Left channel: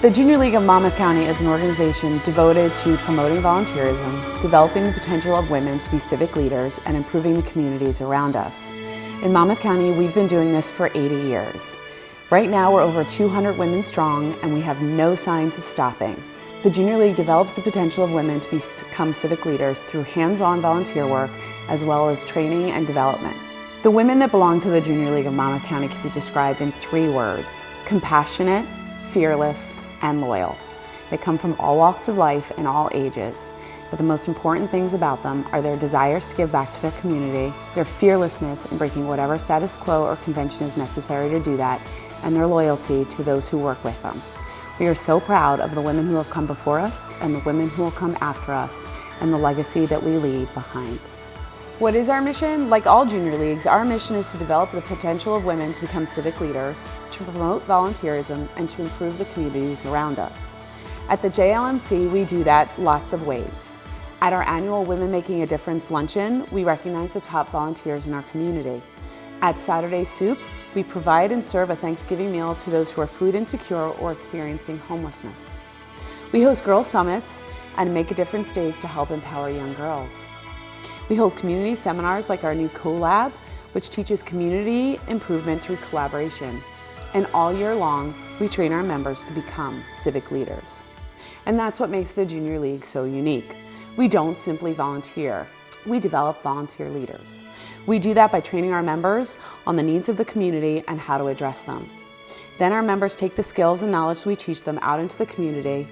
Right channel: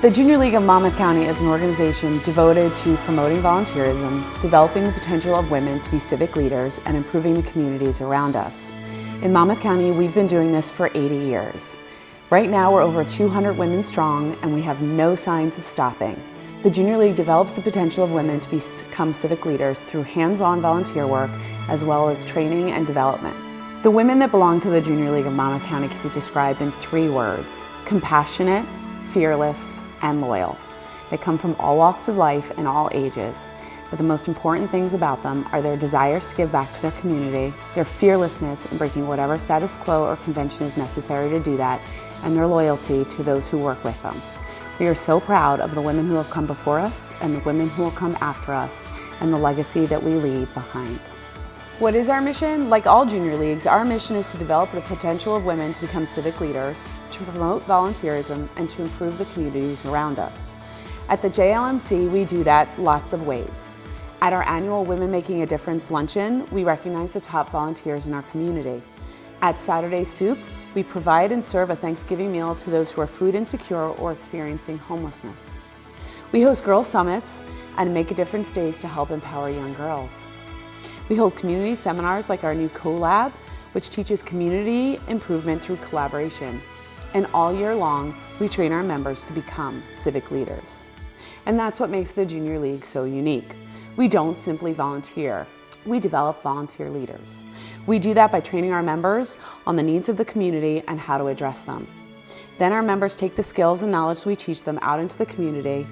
The Junior League of Monmouth County is an organization devoted to promoting volunteerism, developing the potential of women to be civic leaders, and improving the communities around us. In Monmouth County, we've been doing this for 80 years. Right now, we're over 200 women strong, and we have no signs of stopping. The Junior League develops the potential of women to become civic leaders through hands-on volunteer work, as well as training and development. The women that belong to the Junior League of Monmouth County can be described in 3 words: compassionate, fearless, and loyal. They come from all walks of life and all ages, but the most important things about them are their desires to give back to their community, their fearlessness in breaking whatever status quo or convention is necessary to do that, and their loyalty to those who work with them. We are so proud of the women who have come before us and the women who will come after us, and the legacy that we leave behind. What is our mission? Like all junior leagues, our mission is to develop the potential of women to become civic leaders, to promote volunteerism, and to improve the communities around us. At the JLMC, we do that lots of ways. At our annual Women Making a Difference luncheon, we recognize the top volunteers in our community. At Saturday Soup, we provide and serve a Thanksgiving meal to those who are food insecure or experiencing homelessness. We host girl summits and Make a Difference days to help empower young girls. We hold community seminars like our new CoLab, which teaches community improvement through collaboration. And all year long, we train our members to become civic leaders. And that's what makes the Junior League so unique. We don't simply volunteer, we develop volunteer leaders. We do that by training our members on the needs of the community and how to address them. Then our members take the skills and knowledge we teach them out into the community,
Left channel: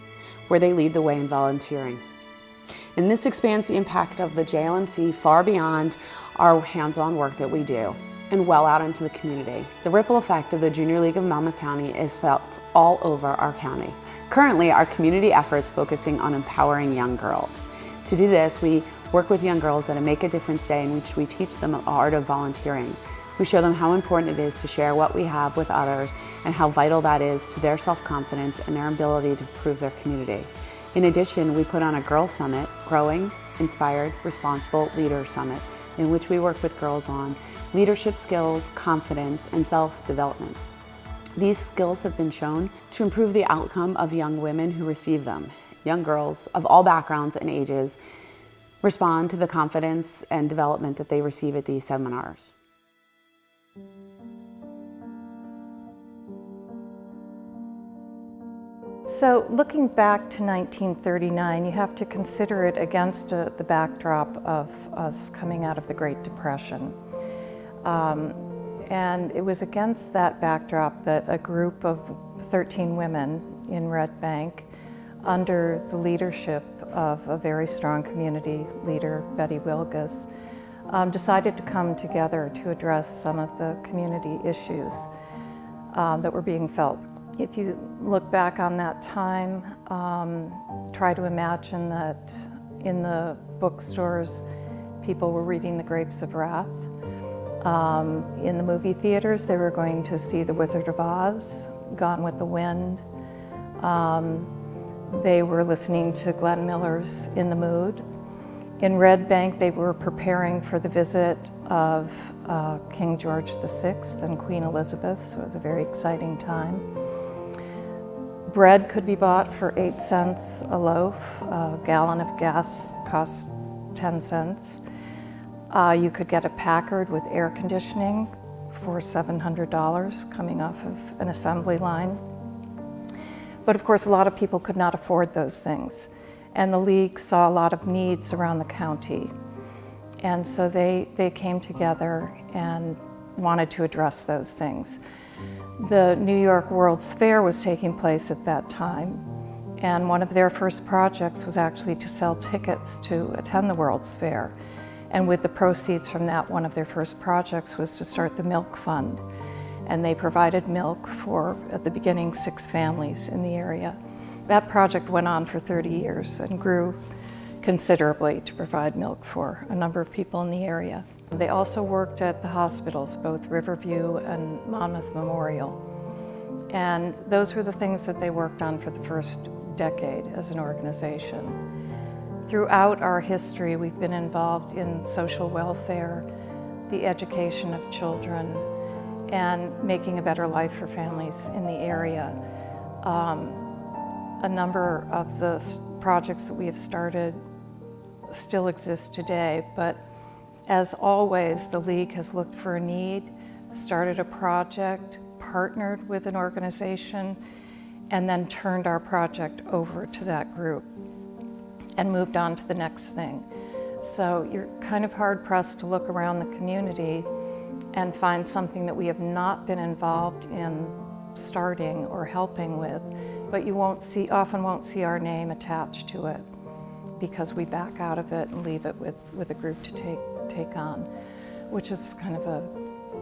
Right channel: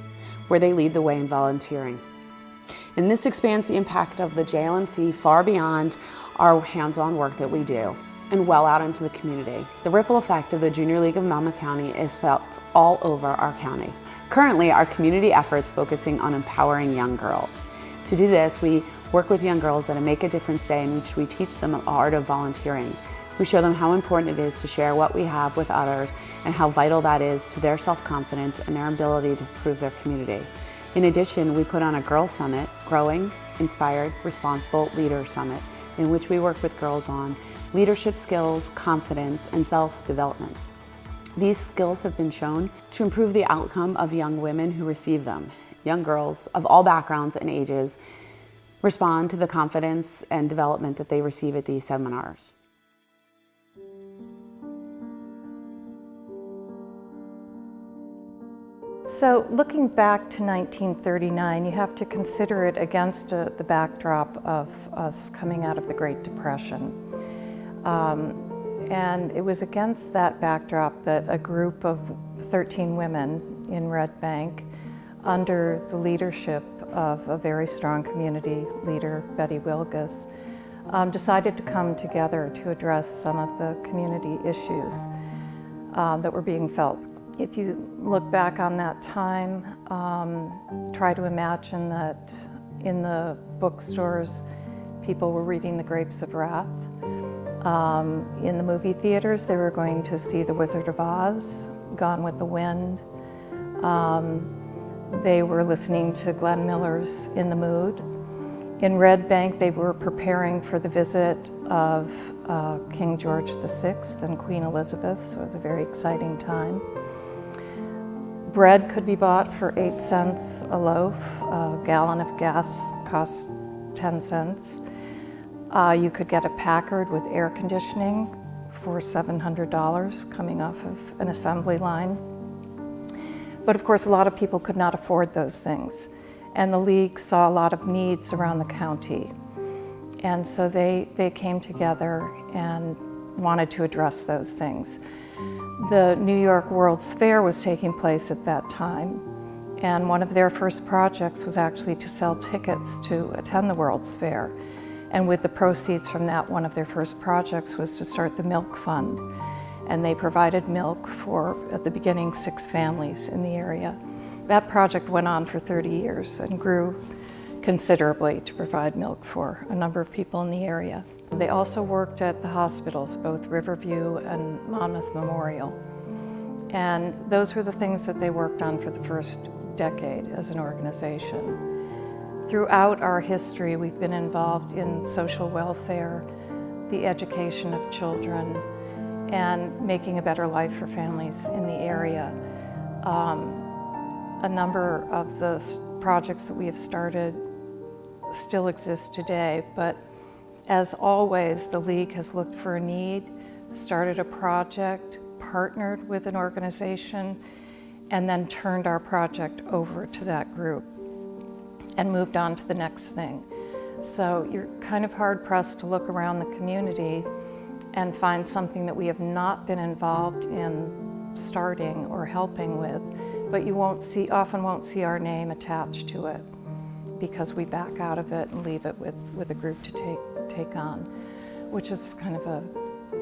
where they lead the way in volunteering. And this expands the impact of the JLMC far beyond our hands-on work that we do and well out into the community. The ripple effect of the Junior League of Monmouth County is felt all over our county. Currently, our community efforts focusing on empowering young girls. To do this, we work with young girls at a Make a Difference Day in which we teach them the art of volunteering. We show them how important it is to share what we have with others and how vital that is to their self-confidence and their ability to improve their community. In addition, we put on a Girls Summit, Growing, Inspired, Responsible Leaders Summit, in which we work with girls on leadership skills, confidence, and self-development. These skills have been shown to improve the outcome of young women who receive them. Young girls of all backgrounds and ages respond to the confidence and development that they receive at these seminars. So looking back to 1939, you have to consider it against the backdrop of us coming out of the Great Depression. And it was against that backdrop that a group of 13 women in Red Bank, under the leadership of a very strong community leader, Betty Wilgus, decided to come together to address some of the community issues that were being felt. If you look back on that time, try to imagine that in the bookstores, people were reading The Grapes of Wrath. In the movie theaters, they were going to see The Wizard of Oz, Gone with the Wind. They were listening to Glenn Miller's In the Mood. In Red Bank, they were preparing for the visit of King George VI and Queen Elizabeth, so it was a very exciting time. Bread could be bought for 8 cents a loaf. A gallon of gas cost 10 cents. You could get a Packard with air conditioning for $700 coming off of an assembly line. But of course, a lot of people could not afford those things. And the League saw a lot of needs around the county. And so they came together and wanted to address those things. The New York World's Fair was taking place at that time, and one of their first projects was actually to sell tickets to attend the World's Fair. And with the proceeds from that, one of their first projects was to start the Milk Fund. And they provided milk for, at the beginning, 6 families in the area. That project went on for 30 years and grew considerably to provide milk for a number of people in the area. They also worked at the hospitals, both Riverview and Monmouth Memorial. And those were the things that they worked on for the first decade as an organization. Throughout our history, we've been involved in social welfare, the education of children, and making a better life for families in the area. a number of the projects that we have started still exist today, but as always, the League has looked for a need, started a project, partnered with an organization, and then turned our project over to that group and moved on to the next thing. So you're kind of hard-pressed to look around the community and find something that we have not been involved in starting or helping with, but you often won't see our name attached to it because we back out of it and leave it with a group to take on, which is kind of a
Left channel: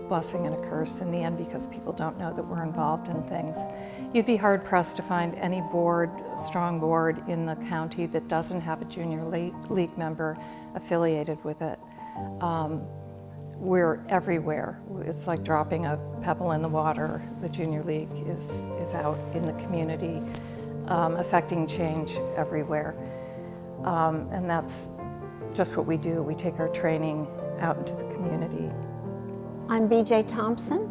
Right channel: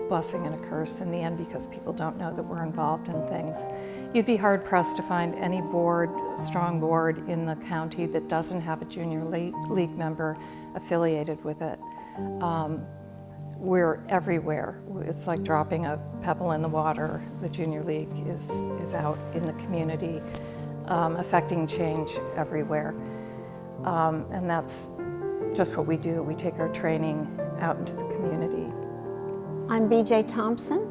blessing and a curse in the end because people don't know that we're involved in things. You'd be hard-pressed to find any strong board in the county that doesn't have a junior league member affiliated with it. We're everywhere. It's like dropping a pebble in the water. The Junior League is out in the community, affecting change everywhere. And that's just what we do. We take our training out into the community. I'm B.J. Thompson,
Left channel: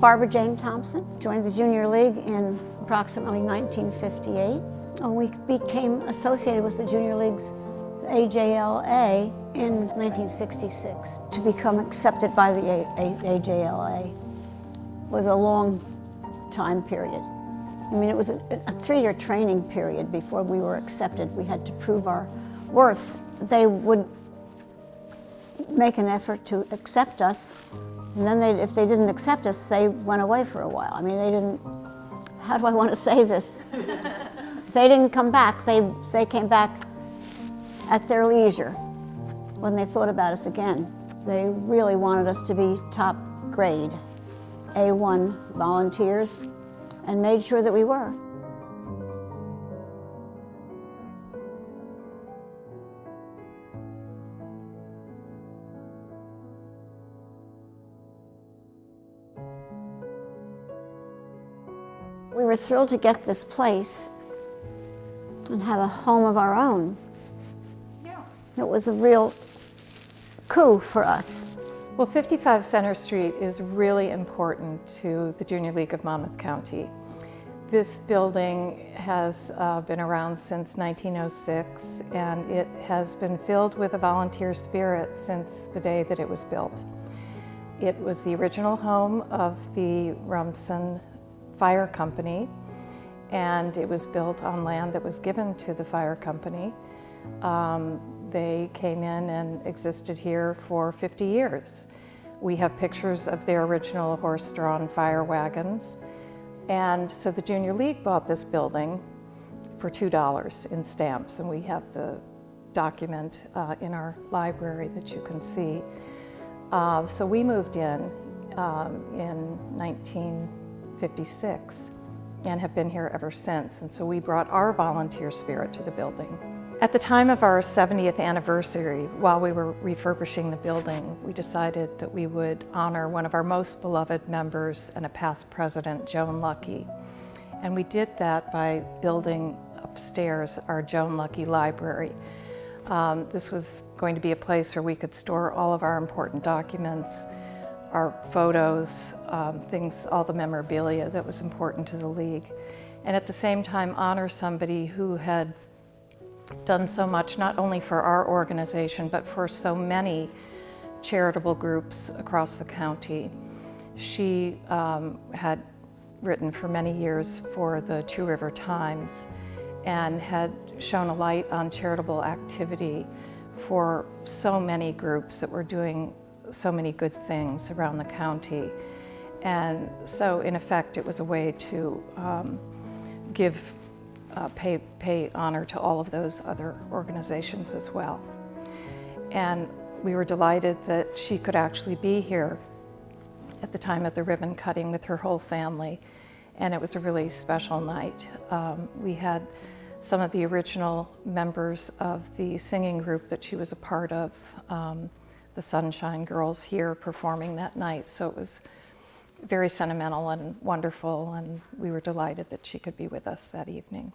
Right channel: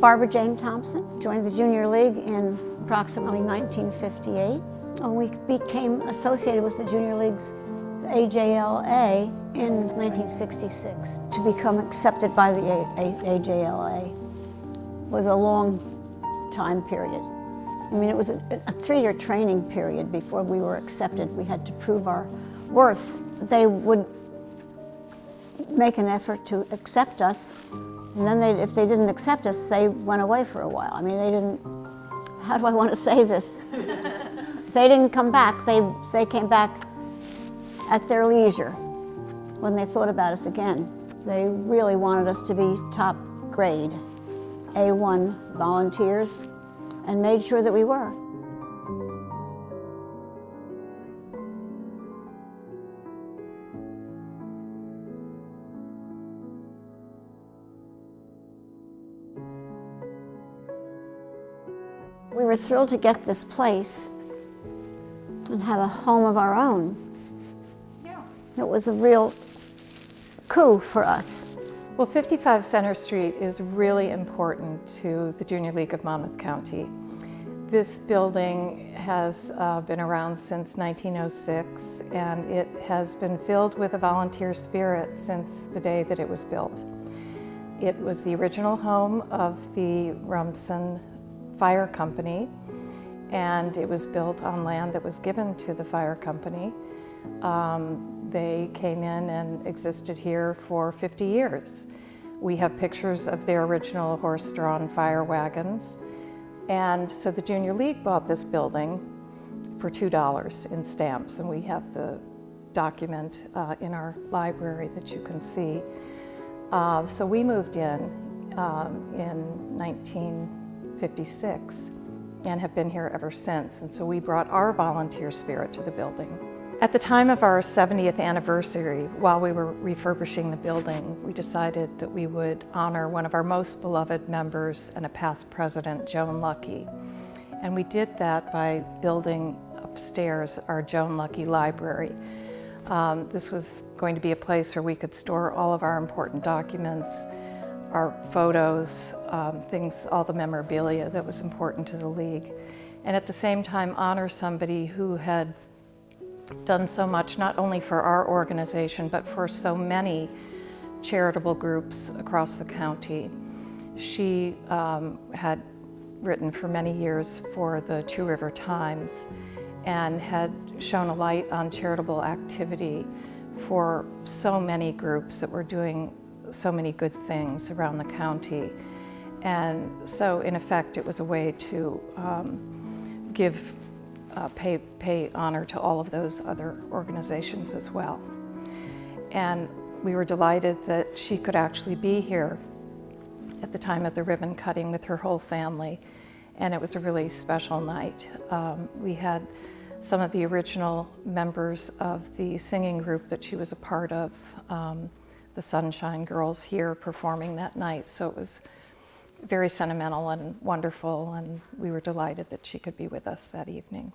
Barbara Jane Thompson. Joined the Junior League in approximately 1958. And we became associated with the Junior League's AJLA in 1966. To become accepted by the AJLA was a long time period. I mean, it was a 3-year training period before we were accepted. We had to prove our worth. They would make an effort to accept us, and then if they didn't accept us, they went away for a while. I mean, they didn't, how do I want to say this? They didn't come back. They came back at their leisure when they thought about us again. They really wanted us to be top grade, A1 volunteers, and made sure that we were. We were thrilled to get this place and have a home of our own. Yeah. It was a real coup for us. Well, 55 Center Street is really important to the Junior League of Monmouth County. This building has been around since 1906, and it has been filled with a volunteer spirit since the day that it was built. It was the original home of the Rumson Fire Company, and it was built on land that was given to the fire company. They came in and existed here for 50 years. We have pictures of their original horse-drawn fire wagons. And so the Junior League bought this building for $2 in stamps, and we have the document in our library that you can see. So we moved in 1956 and have been here ever since. And so we brought our volunteer spirit to the building. At the time of our 70th anniversary, while we were refurbishing the building, we decided that we would honor one of our most beloved members and a past president, Joan Lucky. And we did that by building upstairs our Joan Lucky Library. This was going to be a place where we could store all of our important documents, our photos, things, all the memorabilia that was important to the League. And at the same time honor somebody who had done so much, not only for our organization, but for so many charitable groups across the county. She had written for many years for the Two River Times and had shown a light on charitable activity for so many groups that were doing so many good things around the county. And so in effect, it was a way to pay honor to all of those other organizations as well. And we were delighted that she could actually be here at the time of the ribbon cutting with her whole family. And it was a really special night. We had some of the original members of the singing group that she was a part of, the Sunshine Girls, here performing that night. So it was very sentimental and wonderful, and we were delighted that she could be with us that evening.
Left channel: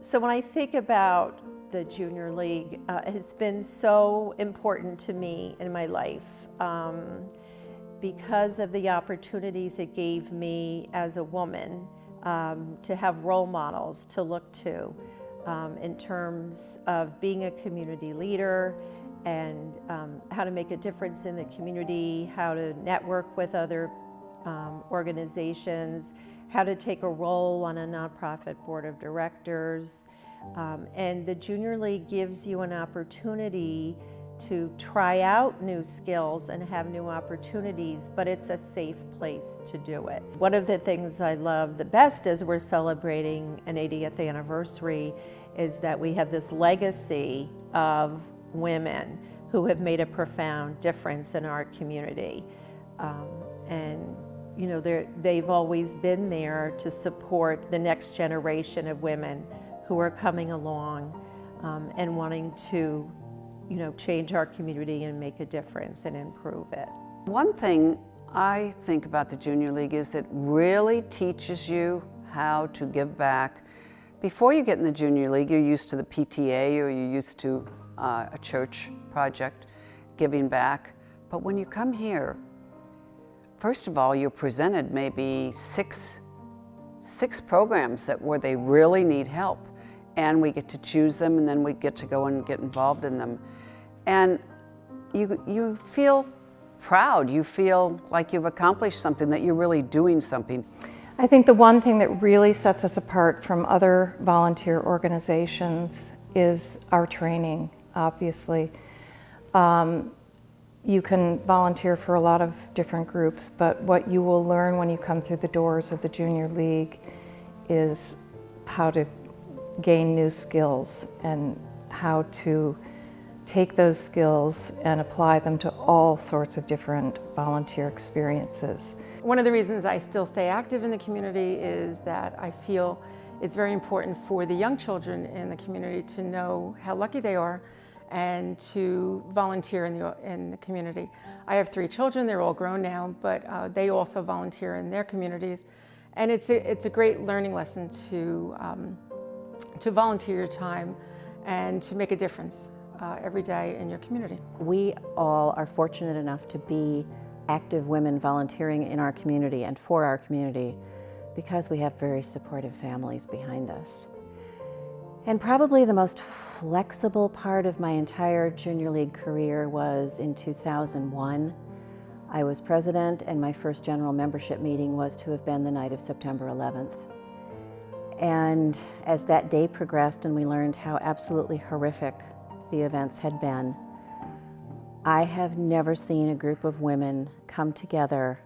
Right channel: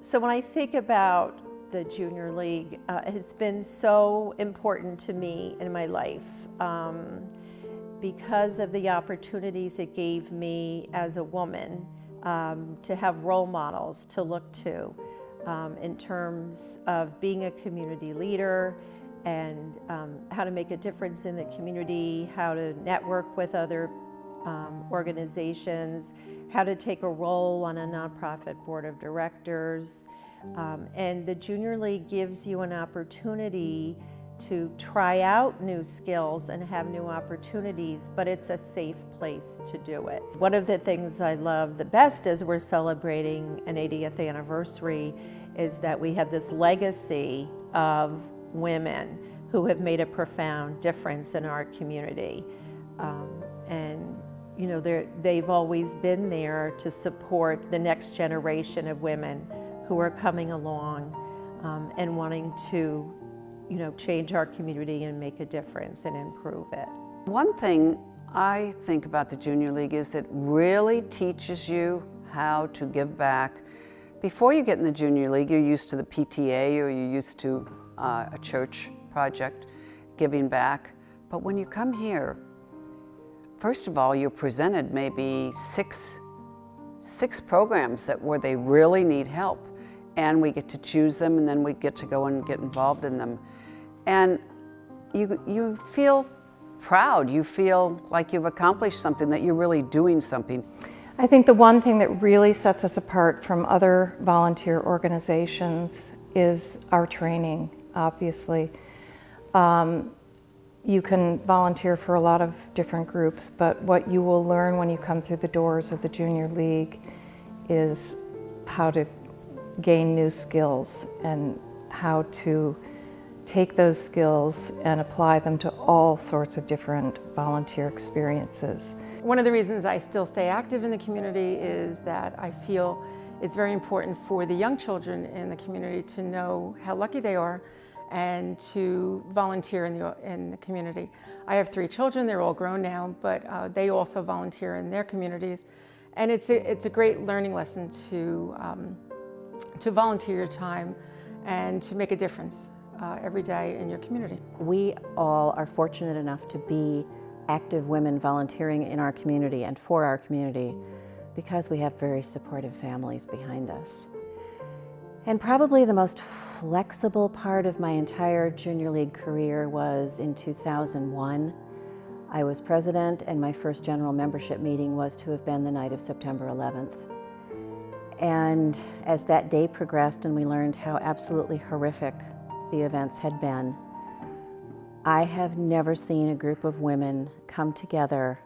So when I think about the Junior League, it has been so important to me in my life. because of the opportunities it gave me as a woman to have role models to look to in terms of being a community leader and how to make a difference in the community, how to network with other organizations, how to take a role on a nonprofit board of directors. And the Junior League gives you an opportunity to try out new skills and have new opportunities, but it's a safe place to do it. One of the things I love the best as we're celebrating an 80th anniversary is that we have this legacy of women who have made a profound difference in our community. And you know, they've always been there to support the next generation of women who are coming along and wanting to, you know, change our community and make a difference and improve it. One thing I think about the Junior League is it really teaches you how to give back. Before you get in the Junior League, you're used to the PTA or you're used to a church project giving back. But when you come here, first of all, you're presented maybe six programs where they really need help. And we get to choose them, and then we get to go and get involved in them. And you feel proud. You feel like you've accomplished something, that you're really doing something. I think the one thing that really sets us apart from other volunteer organizations is our training, obviously. You can volunteer for a lot of different groups, but what you will learn when you come through the doors of the Junior League is how to gain new skills and how to take those skills and apply them to all sorts of different volunteer experiences. One of the reasons I still stay active in the community is that I feel it's very important for the young children in the community to know how lucky they are and to volunteer in the community. I have 3 children, they're all grown now, but they also volunteer in their communities. And it's a great learning lesson to volunteer your time and to make a difference every day in your community. We all are fortunate enough to be active women volunteering in our community and for our community because we have very supportive families behind us. And probably the most flexible part of my entire Junior League career was in 2001. I was president, and my first general membership meeting was to have been the night of September 11th. And as that day progressed and we learned how absolutely horrific the events had been, I have never seen a group of women come together,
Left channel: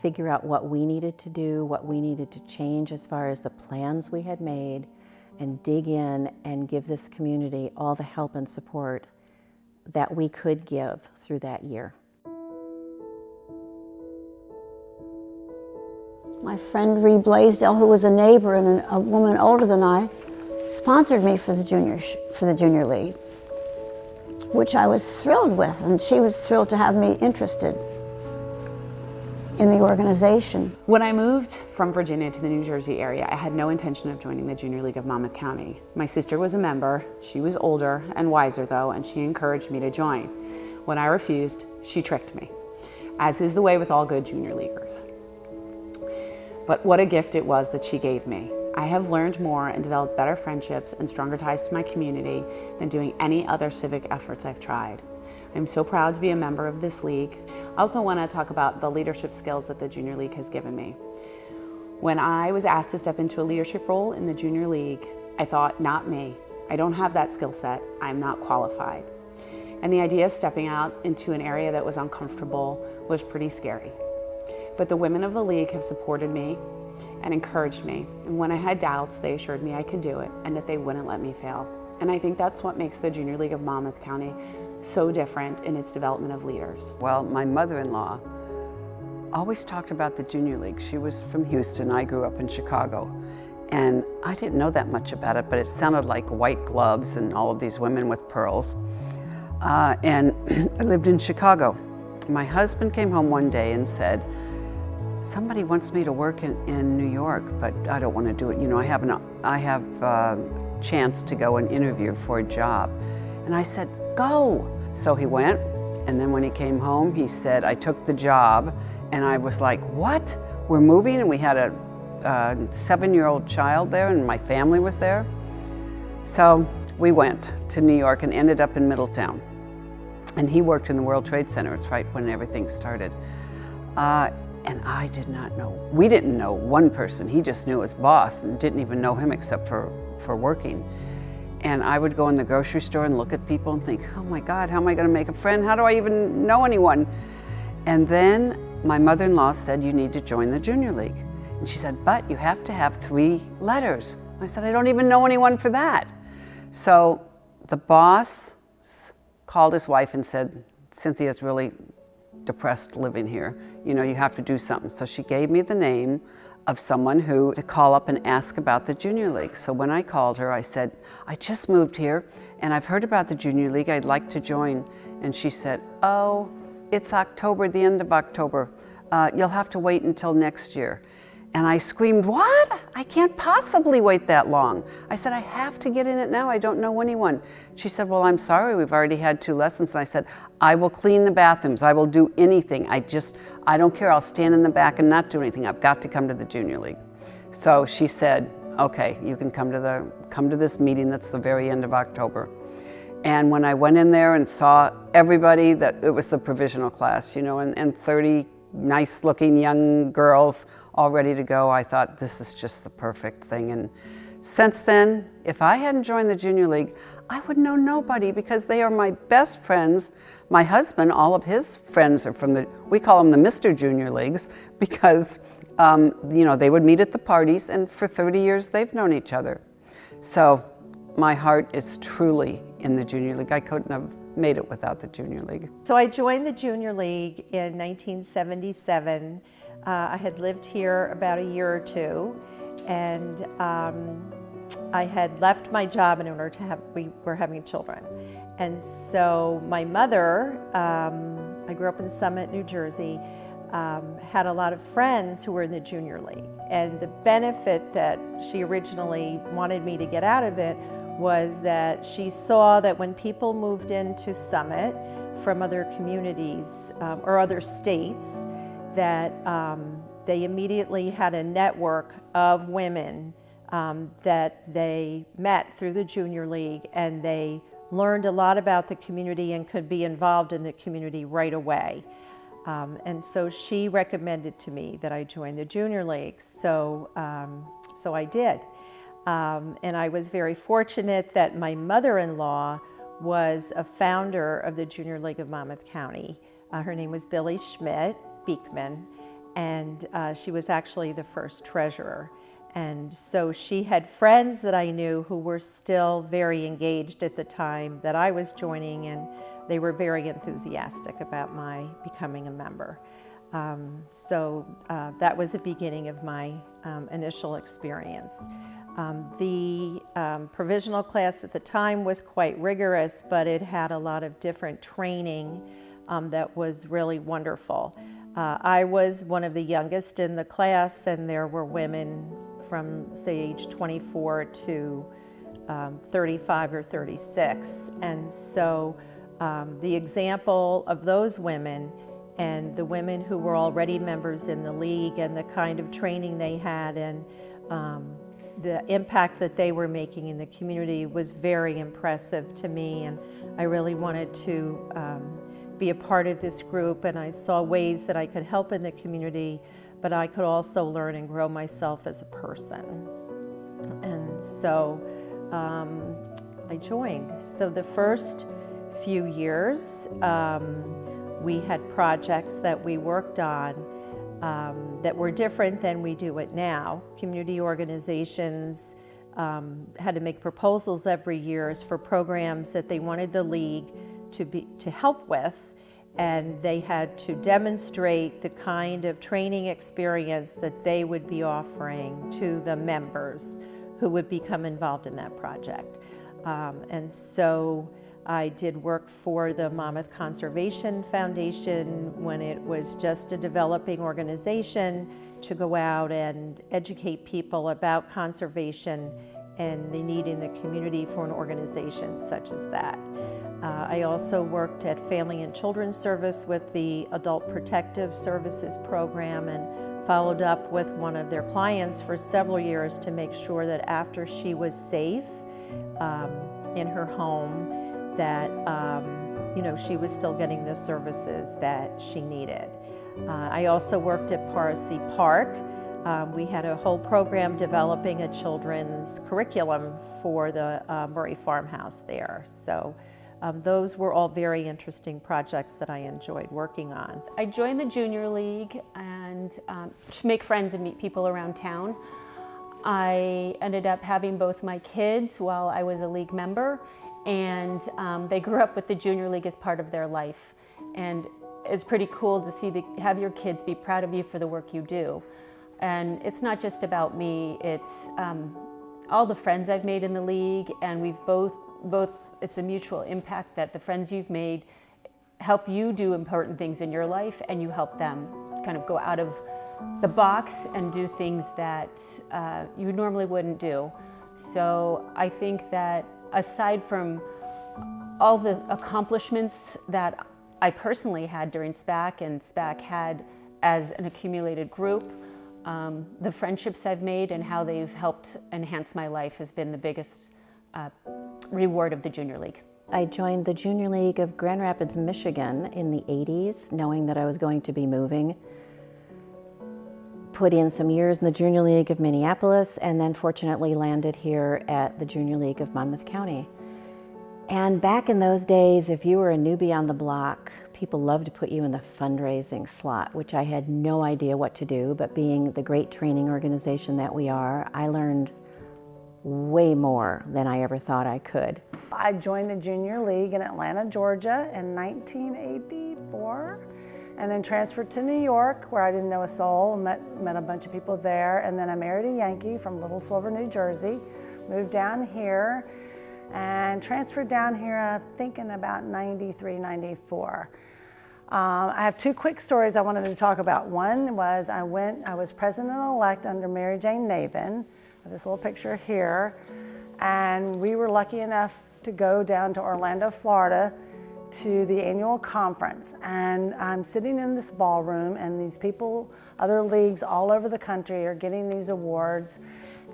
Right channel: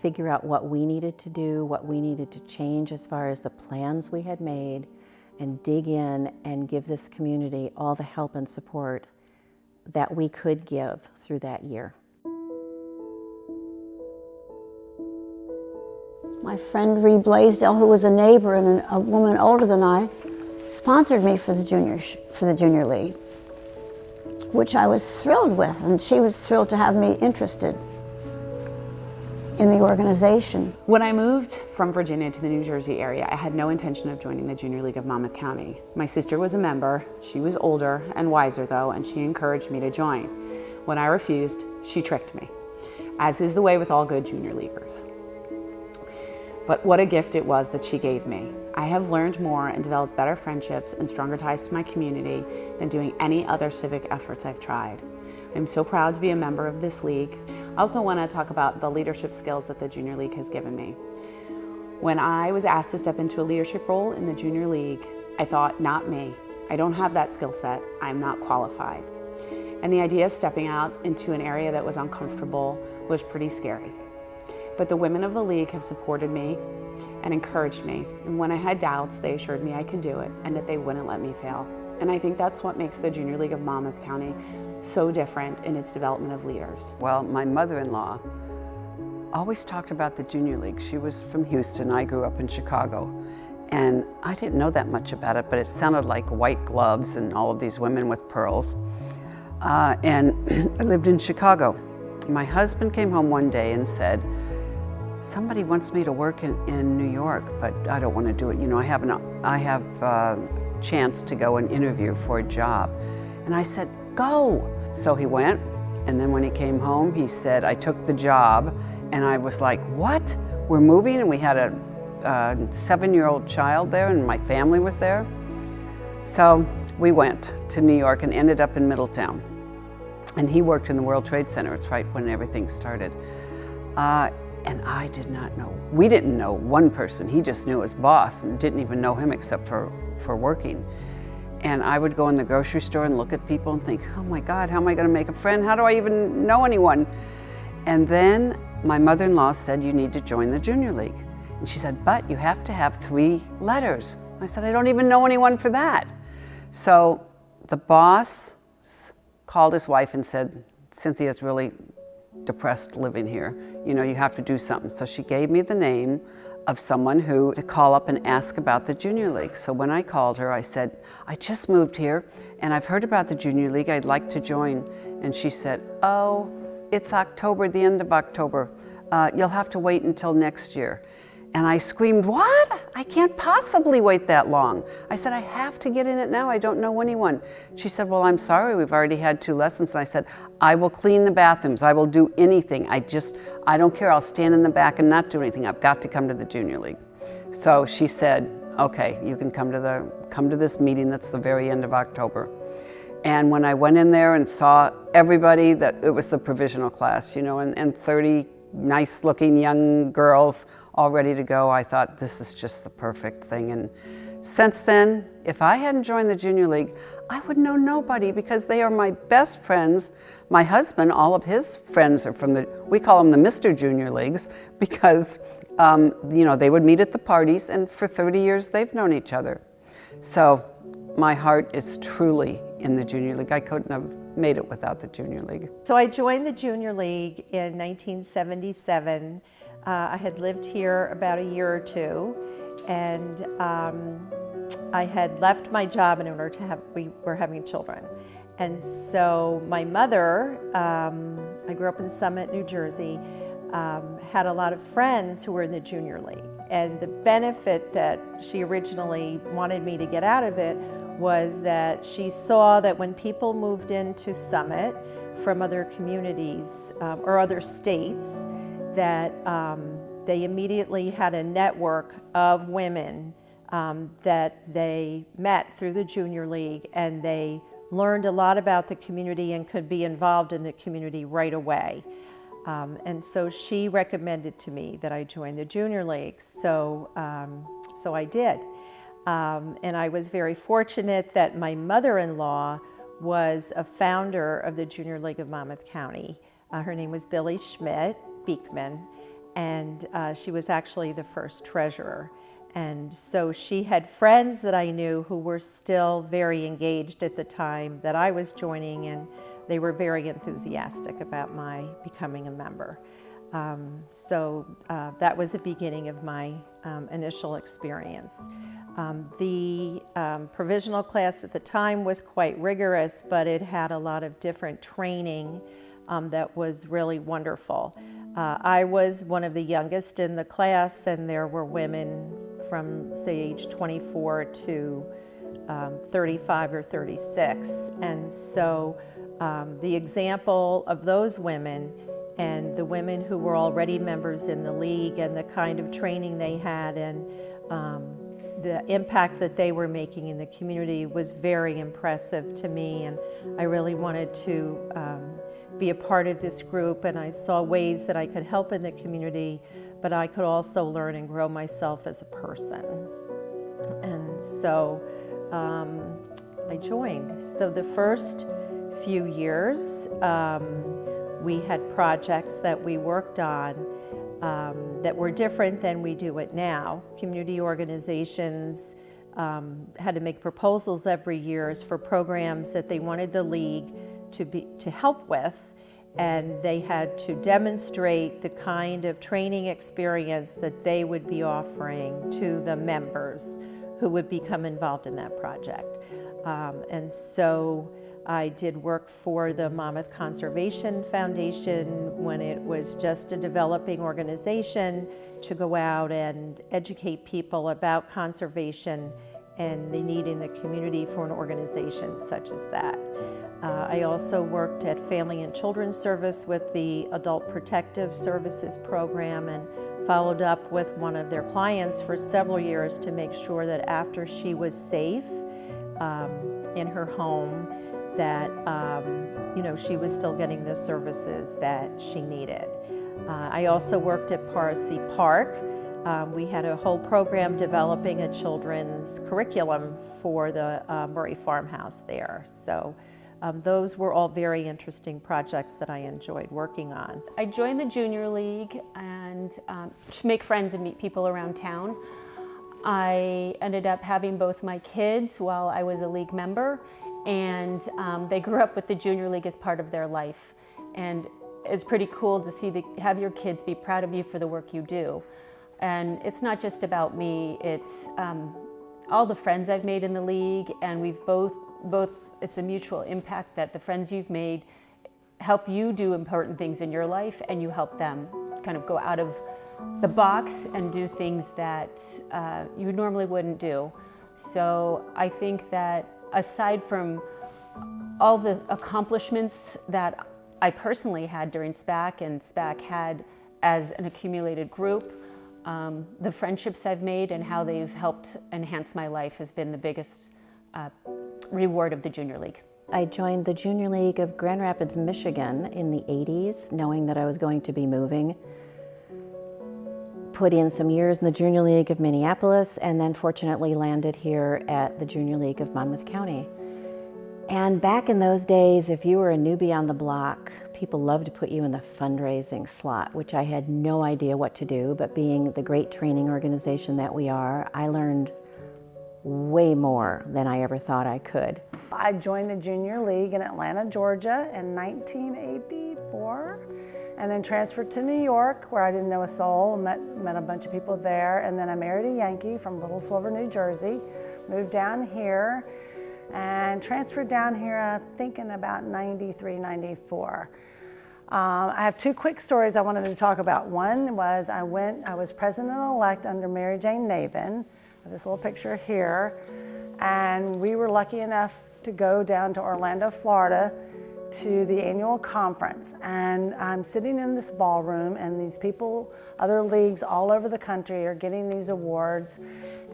figure out what we needed to do, what we needed to change as far as the plans we had made, and dig in and give this community all the help and support that we could give through that year. My friend Ree Blaisdell, who was a neighbor and a woman older than I, sponsored me for the Junior League, which I was thrilled with, and she was thrilled to have me interested in the organization. When I moved from Virginia to the New Jersey area, I had no intention of joining the Junior League of Monmouth County. My sister was a member. She was older and wiser though, and she encouraged me to join. When I refused, she tricked me, as is the way with all good Junior Leaguers. But what a gift it was that she gave me. I have learned more and developed better friendships and stronger ties to my community than doing any other civic efforts I've tried. I'm so proud to be a member of this league. I also want to talk about the leadership skills that the Junior League has given me. When I was asked to step into a leadership role in the Junior League, I thought, not me. I don't have that skill set. I'm not qualified. And the idea of stepping out into an area that was uncomfortable was pretty scary. But the women of the league have supported me and encouraged me. And when I had doubts, they assured me I could do it and that they wouldn't let me fail. And I think that's what makes the Junior League of Monmouth County so different in its development of leaders. Well, my mother-in-law always talked about the Junior League. She was from Houston. I grew up in Chicago. And I didn't know that much about it, but it sounded like white gloves and all of these women with pearls. And I lived in Chicago. My husband came home one day and said, somebody wants me to work in New York, but I don't want to do it. You know, I have a chance to go and interview for a job. And I said, go. So he went, And then when he came home, he said, I took the job, and I was like, what? We're moving? And we had a 7-year-old child there, and my family was there. So we went to New York and ended up in Middletown. And he worked in the World Trade Center. It's right when everything started. And I did not know, we didn't know one person. He just knew his boss and didn't even know him except for working. And I would go in the grocery store and look at people and think, oh my God, how am I gonna make a friend? How do I even know anyone? And then my mother-in-law said, you need to join the Junior League. And she said, but you have to have 3 letters. I said, I don't even know anyone for that. So the boss called his wife and said, Cynthia's really depressed living here. You know, you have to do something. So she gave me the name of someone to call up and ask about the Junior League. So when I called her, I said, I just moved here and I've heard about the Junior League. I'd like to join. And she said, oh, it's October, the end of October. You'll have to wait until next year. And I screamed, what? I can't possibly wait that long. I said, I have to get in it now. I don't know anyone. She said, well, I'm sorry. We've already had 2 lessons. And I said, I will clean the bathrooms. I will do anything. I don't care. I'll stand in the back and not do anything. I've got to come to the Junior League. So she said, okay, you can come to this meeting. That's the very end of October. And when I went in there and saw everybody, that it was the provisional class, you know, and 30 nice looking young girls all ready to go, I thought this is just the perfect thing. And since then, if I hadn't joined the Junior League, I would know nobody because they are my best friends. My husband, all of his friends are from we call them the Mr. Junior Leagues because, you know, they would meet at the parties, and for 30 years they've known each other. So my heart is truly in the Junior League. I couldn't have made it without the Junior League. So I joined the Junior League in 1977. I had lived here about a year or 2, and I had left my job in order to we were having children. And so my mother, I grew up in Summit, New Jersey, had a lot of friends who were in the Junior League. And the benefit that she originally wanted me to get out of it was that she saw that when people moved into Summit from other communities or other states, that they immediately had a network of women that they met through the Junior League, and they learned a lot about the community and could be involved in the community right away. And so she recommended to me that I join the Junior League, so I did. And I was very fortunate that my mother-in-law was a founder of the Junior League of Monmouth County. Her name was Billy Schmidt Beekman, and she was actually the first treasurer. And so she had friends that I knew who were still very engaged at the time that I was joining, and they were very enthusiastic about my becoming a member. So that was the beginning of my initial experience. The provisional class at the time was quite rigorous, but it had a lot of different training that was really wonderful. I was one of the youngest in the class, and there were women from, say, age 24 to 35 or 36. And so the example of those women and the women who were already members in the league and the kind of training they had and the impact that they were making in the community was very impressive to me, and I really wanted to be a part of this group, and I saw ways that I could help in the community, but I could also learn and grow myself as a person. And so I joined. So the first few years, we had projects that we worked on that were different than we do it now. Community organizations had to make proposals every year for programs that they wanted the league to help with, and they had to demonstrate the kind of training experience that they would be offering to the members who would become involved in that project. And so I did work for the Monmouth Conservation Foundation when it was just a developing organization to go out and educate people about conservation and the need in the community for an organization such as that. I also worked at Family and Children's Service with the Adult Protective Services program and followed up with one of their clients for several years to make sure that after she was safe in her home, that she was still getting the services that she needed. I also worked at Paracy Park. We had a whole program developing a children's curriculum for the Murray Farmhouse there. So those were all very interesting projects that I enjoyed working on. I joined the Junior League and to make friends and meet people around town. I ended up having both my kids while I was a league member, and they grew up with the Junior League as part of their life. And it's pretty cool to see have your kids be proud of you for the work you do. And it's not just about me, it's all the friends I've made in the league, and we've both it's a mutual impact that the friends you've made help you do important things in your life, and you help them kind of go out of the box and do things that you normally wouldn't do. So I think that aside from all the accomplishments that I personally had during SPAC and SPAC had as an accumulated group, the friendships I've made and how they've helped enhance my life has been the biggest reward of the Junior League. I joined the Junior League of Grand Rapids, Michigan in the 80s, knowing that I was going to be moving. Put in some years in the Junior League of Minneapolis, and then fortunately landed here at the Junior League of Monmouth County. And back in those days, if you were a newbie on the block, people loved to put you in the fundraising slot, which I had no idea what to do, but being the great training organization that we are, I learned way more than I ever thought I could. I joined the Junior League in Atlanta, Georgia in 1984, and then transferred to New York, where I didn't know a soul, met a bunch of people there, and then I married a Yankee from Little Silver, New Jersey, moved down here, and transferred down here, I think in about 93, 94. I have two quick stories I wanted to talk about. One was I was president-elect under Mary Jane Navin, this little picture here, and we were lucky enough to go down to Orlando, Florida to the annual conference. And I'm sitting in this ballroom, and these people, other leagues all over the country are getting these awards,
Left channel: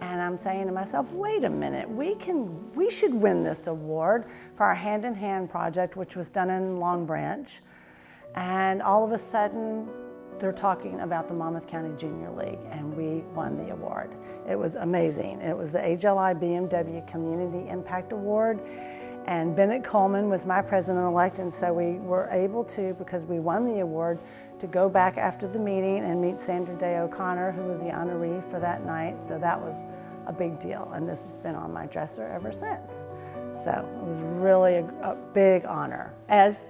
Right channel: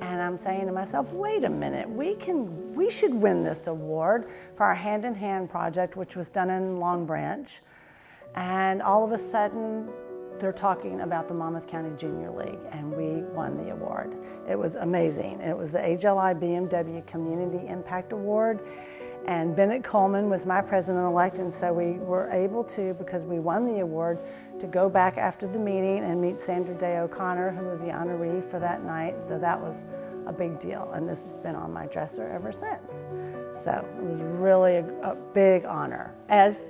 and I'm saying to myself, wait a minute, we should win this award for our Hand in Hand project, which was done in Long Branch. And all of a sudden, they're talking about the Monmouth County Junior League, and we won the award. It was amazing. It was the HLI BMW Community Impact Award, and Bennett Coleman was my president-elect, and so we were able to, because we won the award, to go back after the meeting and meet Sandra Day O'Connor, who was the honoree for that night. So that was a big deal, and this has been on my dresser ever since. So it was really a big honor. As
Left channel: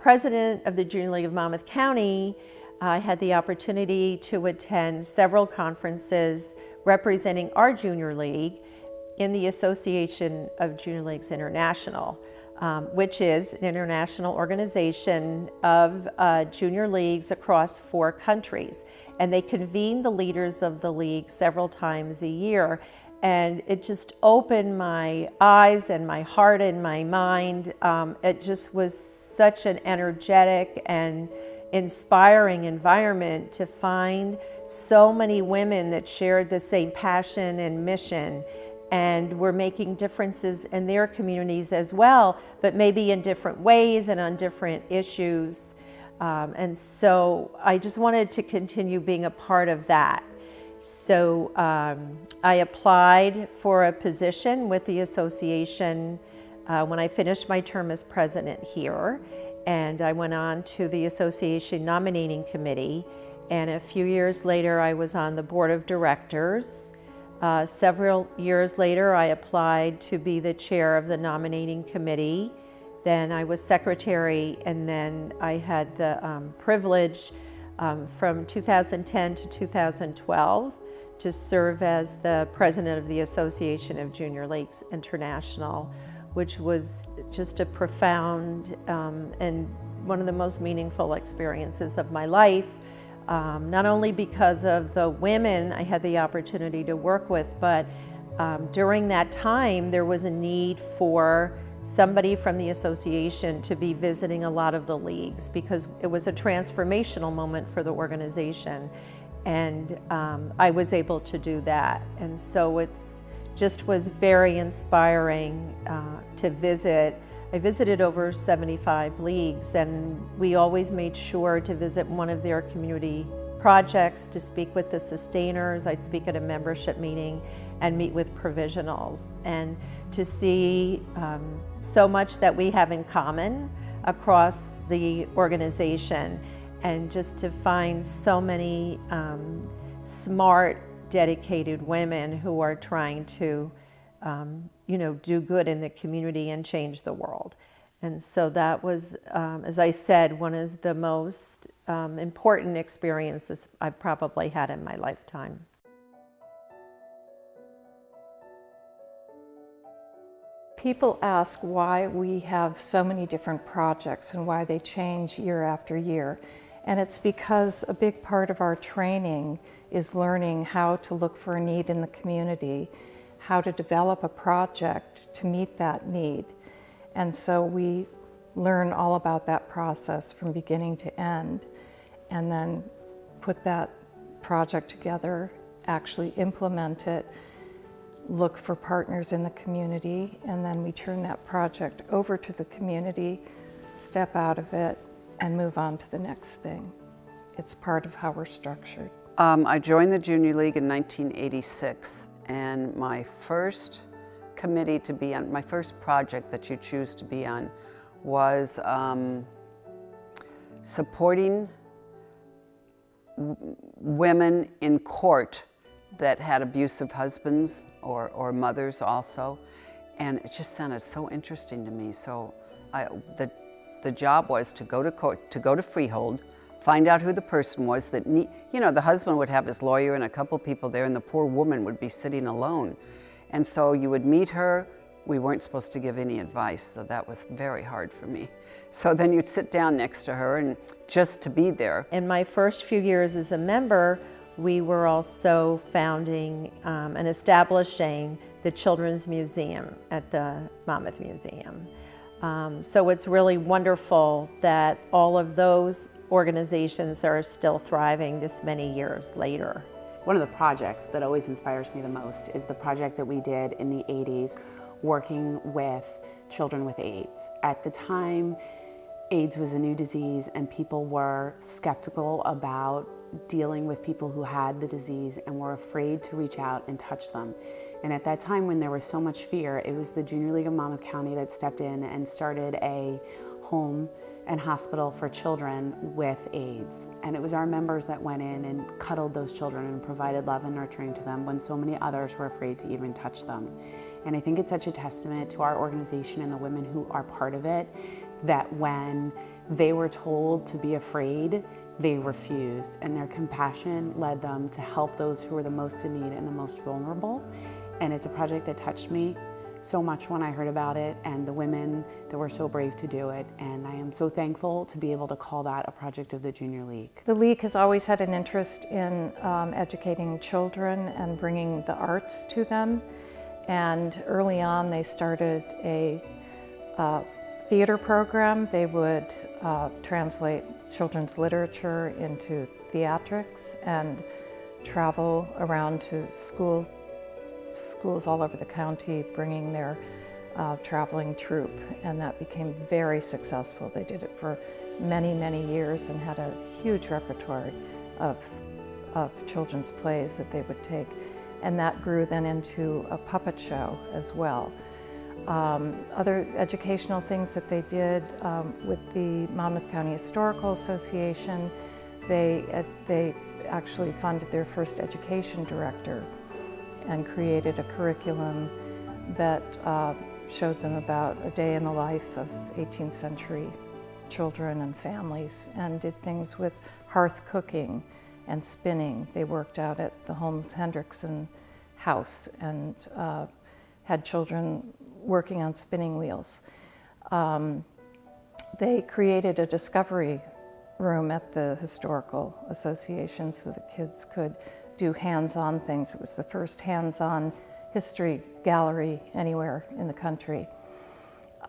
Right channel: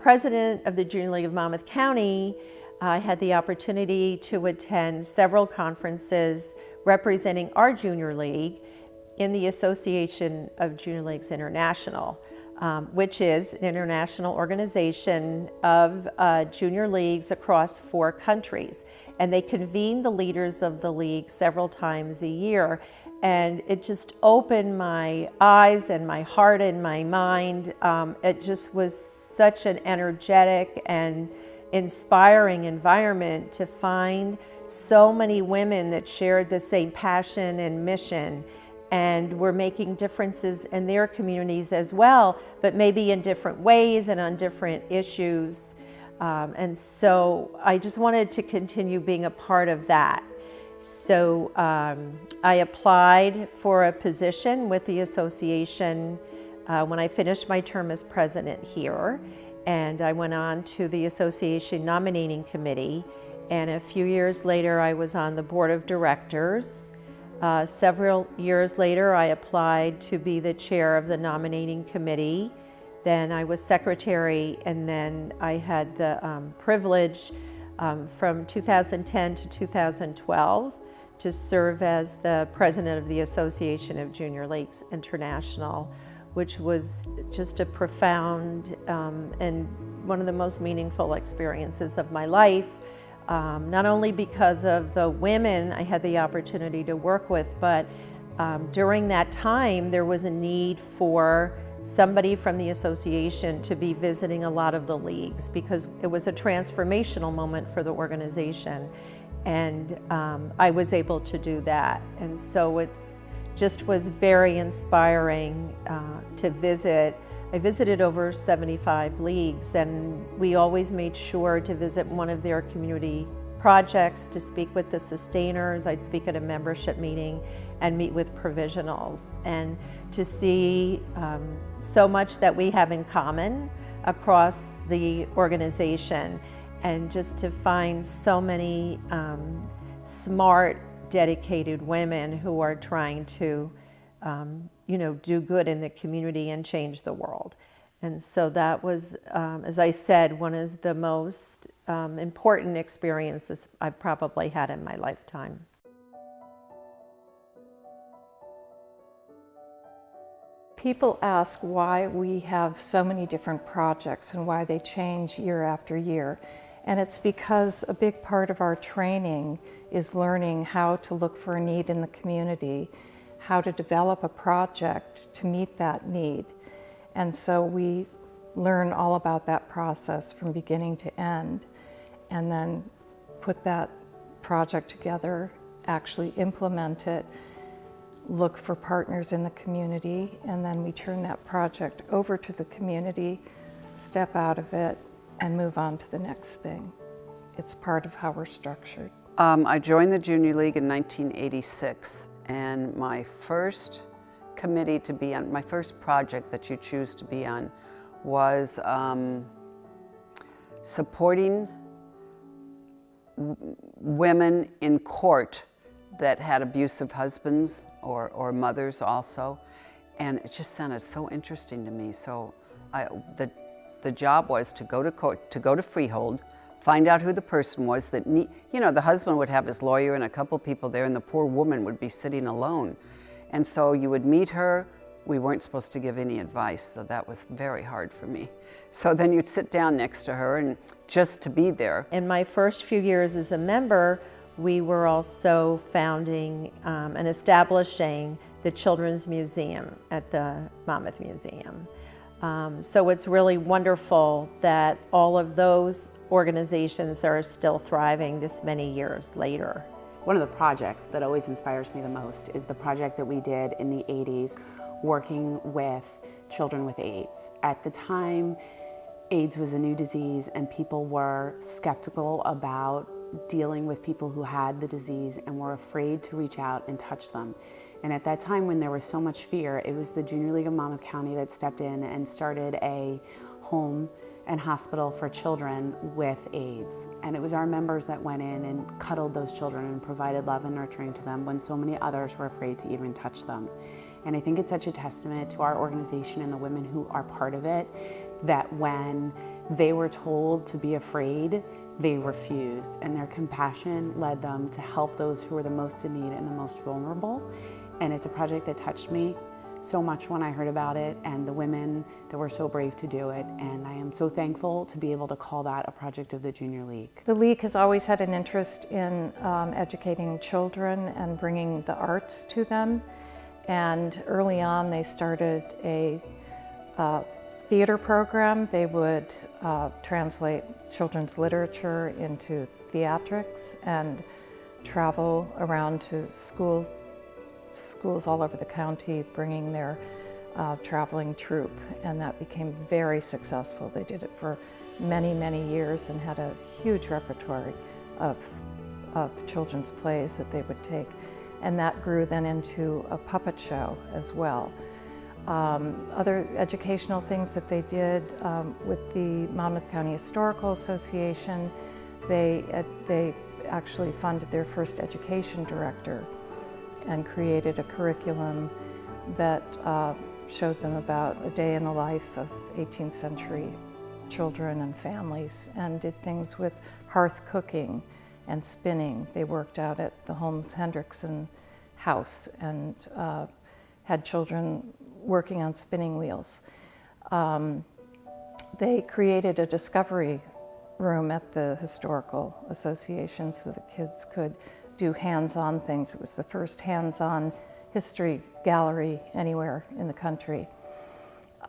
president of the Junior League of Monmouth County, I had the opportunity to attend several conferences representing our Junior League in the Association of Junior Leagues International, which is an international organization of junior leagues across 4 countries. And they convene the leaders of the league several times a year. And it just opened my eyes and my heart and my mind. It just was such an energetic and inspiring environment to find so many women that shared the same passion and mission and were making differences in their communities as well, but maybe in different ways and on different issues. And so I just wanted to continue being a part of that. So I applied for a position with the association when I finished my term as president here. And I went on to the association nominating committee. And a few years later, I was on the board of directors. Several years later, I applied to be the chair of the nominating committee. Then I was secretary, and then I had the privilege from 2010 to 2012 to serve as the president of the Association of Junior Leagues International, which was just a profound and one of the most meaningful experiences of my life, not only because of the women I had the opportunity to work with, but during that time there was a need for somebody from the association to be visiting a lot of the leagues, because it was a transformational moment for the organization. And I was able to do that. And so it's just was very inspiring to visit. I visited over 75 leagues, and we always made sure to visit one of their community projects, to speak with the sustainers. I'd speak at a membership meeting and meet with provisionals, and to see so much that we have in common across the organization, and just to find so many smart, dedicated women who are trying to do good in the community and change the world. And so that was, as I said, one of the most important experiences I've probably had in my lifetime. People ask why we have so many different projects and why they change year after year. And it's because a big part of our training is learning how to look for a need in the community, how to develop a project to meet that need. And so we learn all about that process from beginning to end, and then put that project together, actually implement it, look for partners in the community, and then we turn that project over to the community, step out of it, and move on to the next thing. It's part of how we're structured. I joined the Junior League in 1986, and my first committee to be on, my first project that you choose to be on, was supporting women in court that had abusive husbands or mothers also, and it just sounded so interesting to me. So the job was to go to court, to go to freehold, find out who the person was that the husband would have his lawyer and a couple people there, and the poor woman would be sitting alone. And so you would meet her. We weren't supposed to give any advice, so that was very hard for me. So then you'd sit down next to her and just to be there. In my first few years as a member, we were also founding and establishing the Children's Museum at the Monmouth Museum. So it's really wonderful that all of those organizations are still thriving this many years later. One of the projects that always inspires me the most is the project that we did in the 80s working with children with AIDS. At the time, AIDS was a new disease and people were skeptical about dealing with people who had the disease and were afraid to reach out and touch them. And at that time, when there was so much fear, it was the Junior League of Monmouth County that stepped in and started a home and hospital for children with AIDS. And it was our members that went in and cuddled those children and provided love and nurturing to them when so many others were afraid to even touch them. And I think it's such a testament to our organization and the women who are part of it, that when they were told to be afraid, they refused, and their compassion led them to help those who were the most in need and the most vulnerable. And it's a project that touched me so much when I heard about it, and the women that were so brave to do it. And I am so thankful to be able to call that a project of the Junior League. The League has always had an interest in educating children and bringing the arts to them. And early on, they started a theater program. They would translate children's literature into theatrics and travel around to schools all over the county, bringing their traveling troupe, and that became very successful. They did it for many, many years and had a huge repertoire of children's plays that they would take, and that grew then into a puppet show as well. Other educational things that they did with the Monmouth County Historical Association, they actually funded their first education director and created a curriculum that showed them about a day in the life of 18th century children and families, and did things with hearth cooking and spinning. They worked out at the Holmes Hendrickson house and had children working on spinning wheels. They created a discovery room at the Historical Association so the kids could do hands-on things. It was the first hands-on history gallery anywhere in the country.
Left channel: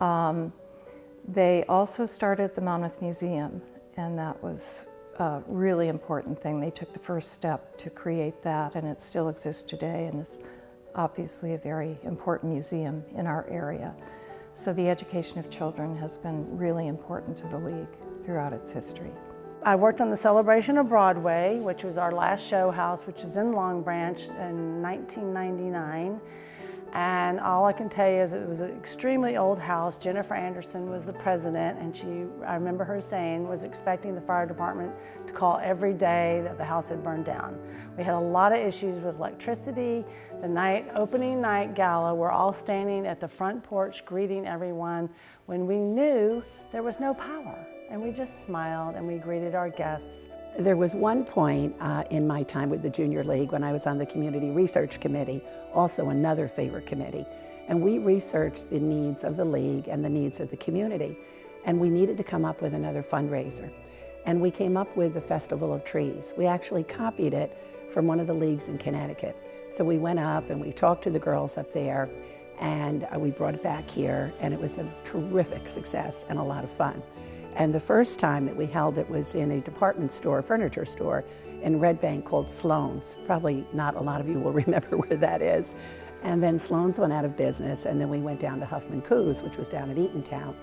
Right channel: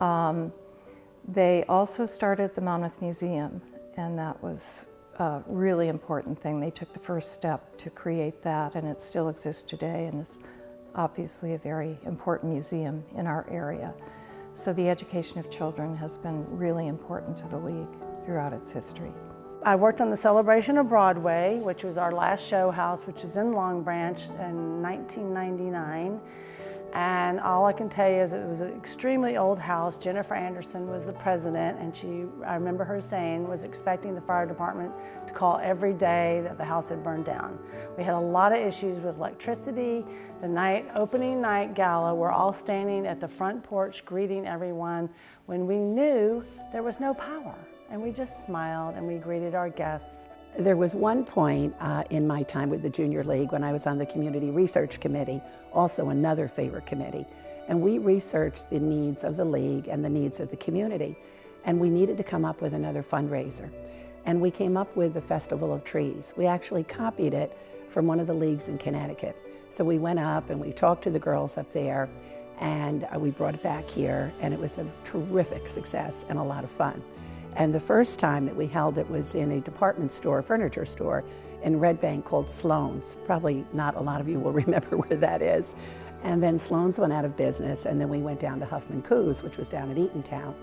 They also started the Monmouth Museum, and that was a really important thing. They took the first step to create that, and it still exists today, and is obviously a very important museum in our area. So the education of children has been really important to the League throughout its history. I worked on the Celebration of Broadway, which was our last show house, which is in Long Branch in 1999. And all I can tell you is it was an extremely old house. Jennifer Anderson was the president, and I remember her saying, was expecting the fire department to call every day that the house had burned down. We had a lot of issues with electricity. The opening night gala, we're all standing at the front porch greeting everyone when we knew there was no power. And we just smiled and we greeted our guests. There was one point in my time with the Junior League when I was on the Community Research Committee, also another favorite committee, and we researched the needs of the League and the needs of the community, and we needed to come up with another fundraiser. And we came up with the Festival of Trees. We actually copied it from one of the leagues in Connecticut. So we went up and we talked to the girls up there, and we brought it back here, and it was a terrific success and a lot of fun. And the first time that we held it was in a department store, furniture store in Red Bank called Sloan's. Probably not a lot of you will remember where that is. And then Sloan's went out of business, and then we went down to Huffman Coos, which was down at Eatontown.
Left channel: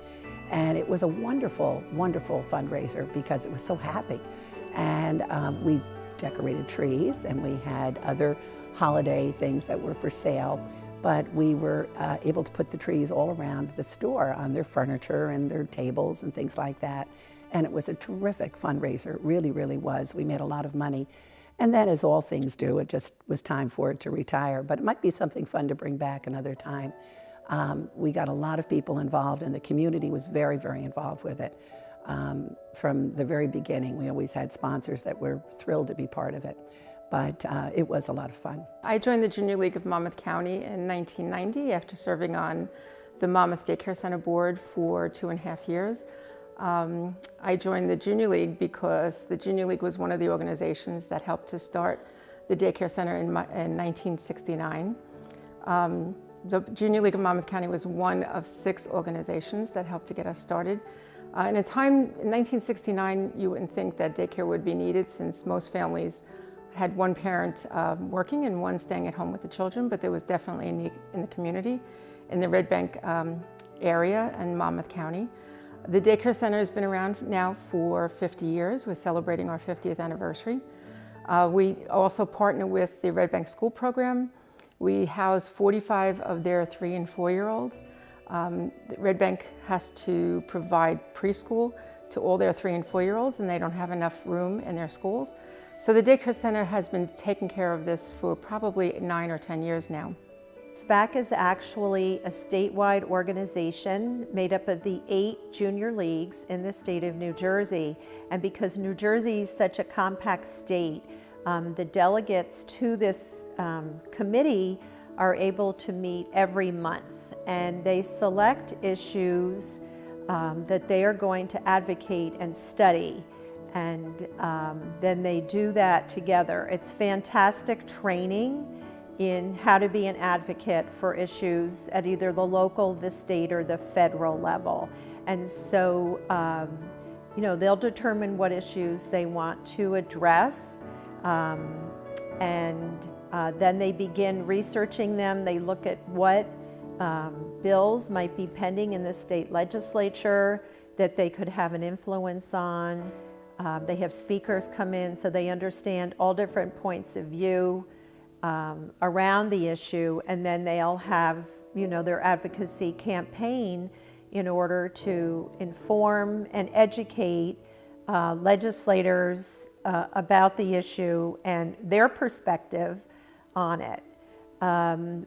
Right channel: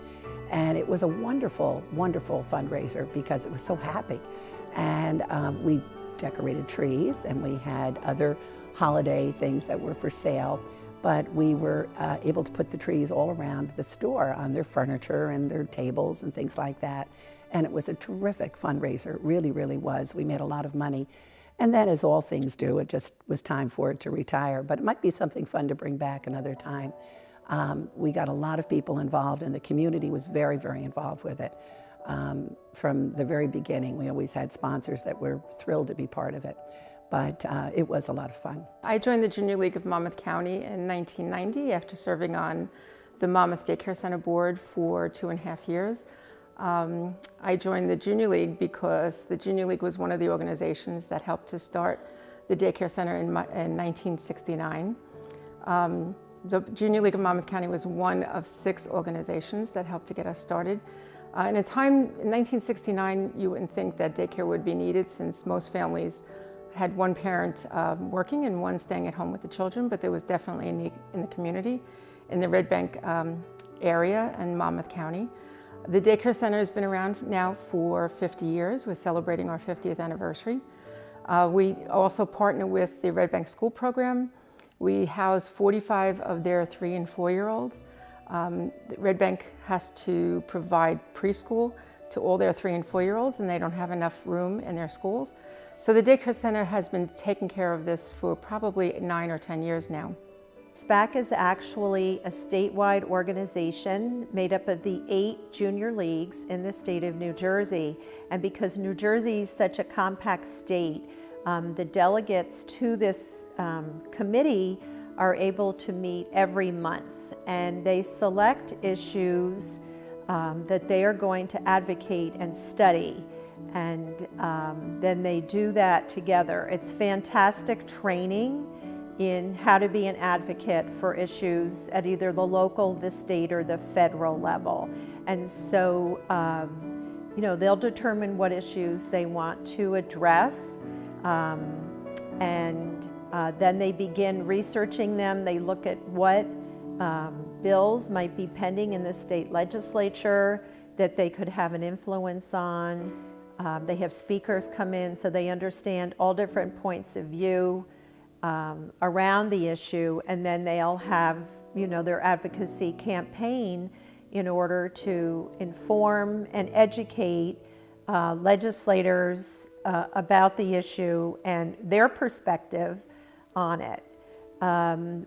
And it was a wonderful, wonderful fundraiser because it was so happy. And we decorated trees, and we had other holiday things that were for sale. But we were able to put the trees all around the store on their furniture and their tables and things like that. And it was a terrific fundraiser, it really, really was. We made a lot of money. And then, as all things do, it just was time for it to retire. But it might be something fun to bring back another time. We got a lot of people involved, and the community was very, very involved with it. From the very beginning, we always had sponsors that were thrilled to be part of it. But it was a lot of fun. I joined the Junior League of Monmouth County in 1990 after serving on the Monmouth Daycare Center board for 2.5 years. I joined the Junior League because the Junior League was one of the organizations that helped to start the daycare center in 1969. The Junior League of Monmouth County was one of 6 organizations that helped to get us started. In a time in 1969, you wouldn't think that daycare would be needed, since most families had one parent working and one staying at home with the children, but there was definitely a need in the community, in the Red Bank area and Monmouth County. The daycare center has been around now for 50 years. We're celebrating our 50th anniversary. We also partner with the Red Bank School Program. We house 45 of their 3- and 4-year-olds. Red Bank has to provide preschool to all their 3- and 4-year-olds, and they don't have enough room in their schools. So the daycare center has been taking care of this for probably 9 or 10 years now. SPAC is actually a statewide organization made up of the 8 junior leagues in the state of New Jersey. And because New Jersey is such a compact state, the delegates to this committee are able to meet every month, and they select issues that they are going to advocate and study. And then they do that together. It's fantastic training in how to be an advocate for issues at either the local, the state, or the federal level. And so, they'll determine what issues they want to address, and then they begin researching them. They look at what bills might be pending in the state legislature that they could have an influence on. They have speakers come in so they understand all different points of view around the issue, and then they'll have their advocacy campaign in order to inform and educate legislators about the issue and their perspective on it.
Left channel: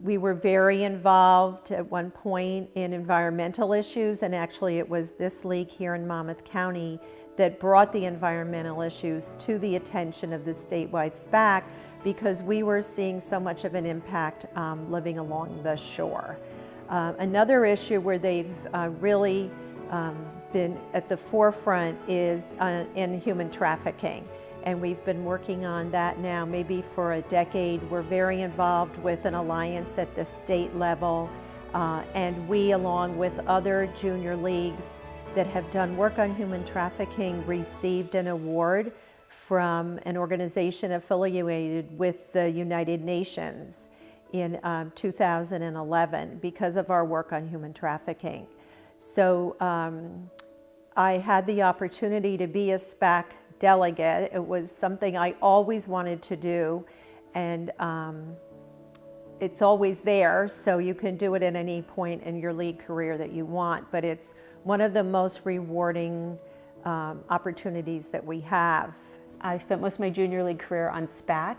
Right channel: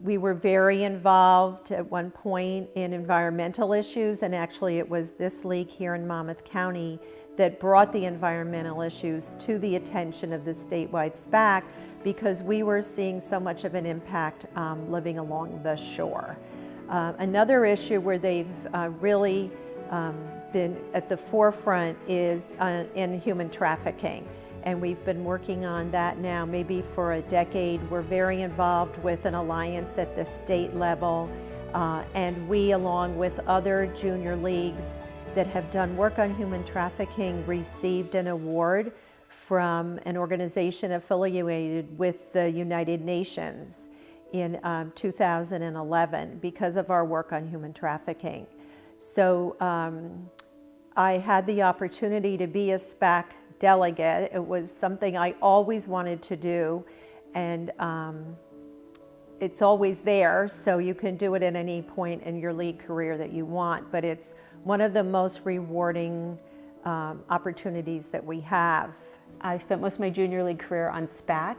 We were very involved at one point in environmental issues, and actually it was this league here in Monmouth County that brought the environmental issues to the attention of the statewide SPAC, because we were seeing so much of an impact living along the shore. Another issue where they've really been at the forefront is in human trafficking. And we've been working on that now maybe for a decade. We're very involved with an alliance at the state level And we, along with other junior leagues that have done work on human trafficking, received an award from an organization affiliated with the United Nations in 2011 because of our work on human trafficking. So I had the opportunity to be a SPAC delegate. It was something I always wanted to do, and it's always there, so you can do it at any point in your league career that you want, but it's one of the most rewarding opportunities that we have. I spent most of my junior league career on SPAC.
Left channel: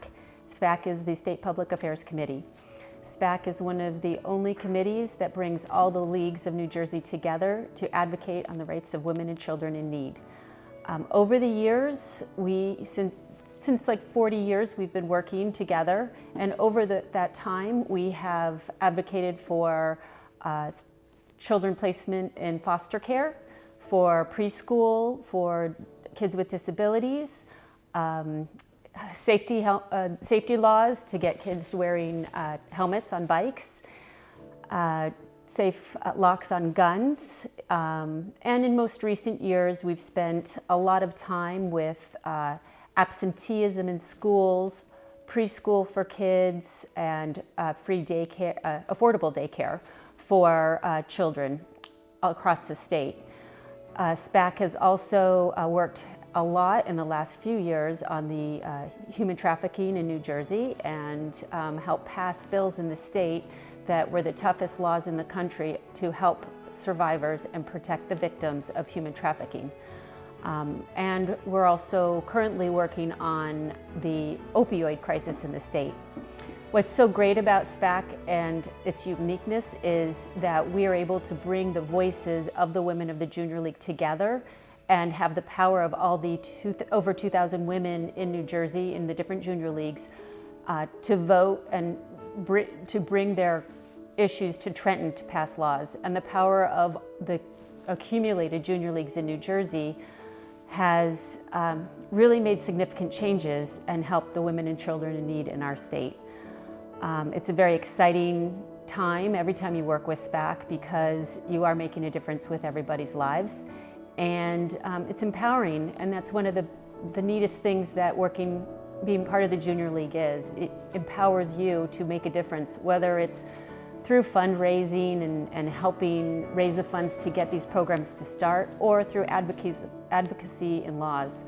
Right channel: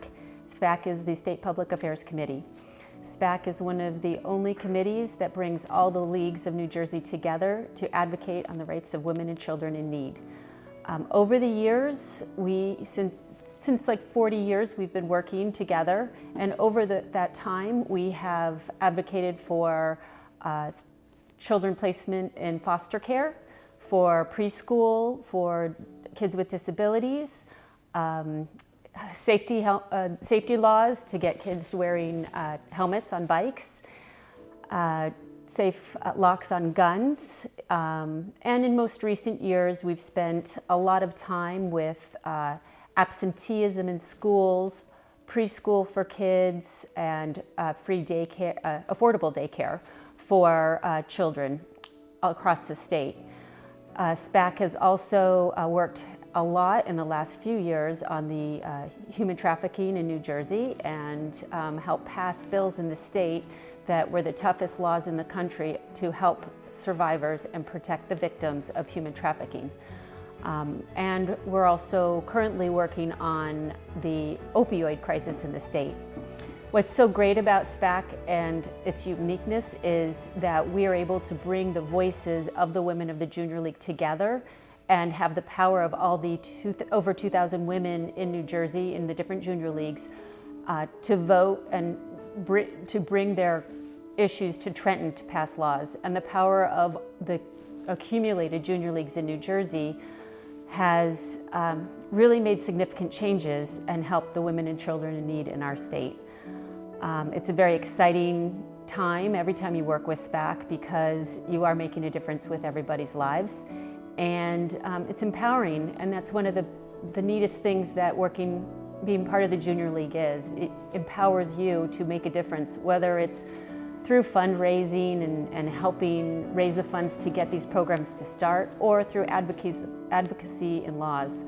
SPAC is the State Public Affairs Committee. SPAC is one of the only committees that brings all the leagues of New Jersey together to advocate on the rights of women and children in need. Over the years, since like 40 years, we've been working together, and over that time, we have advocated for children placement in foster care, for preschool, for kids with disabilities, safety laws to get kids wearing helmets on bikes, safe locks on guns, and in most recent years we've spent a lot of time with absenteeism in schools, preschool for kids, and free daycare, affordable daycare for children across the state. SPAC has also worked a lot in the last few years on the human trafficking in New Jersey and helped pass bills in the state that were the toughest laws in the country to help survivors and protect the victims of human trafficking. And we're also currently working on the opioid crisis in the state. What's so great about SPAC and its uniqueness is that we are able to bring the voices of the women of the Junior League together and have the power of all the over 2,000 women in New Jersey in the different junior leagues to vote and to bring their issues to Trenton to pass laws. And the power of the accumulated junior leagues in New Jersey has really made significant changes and helped the women and children in need in our state. It's a very exciting time every time you work with SPAC because you are making a difference with everybody's lives. And it's empowering, and that's one of the neatest things that being part of the Junior League is. It empowers you to make a difference, whether it's through fundraising and helping raise the funds to get these programs to start, or through advocacy in laws.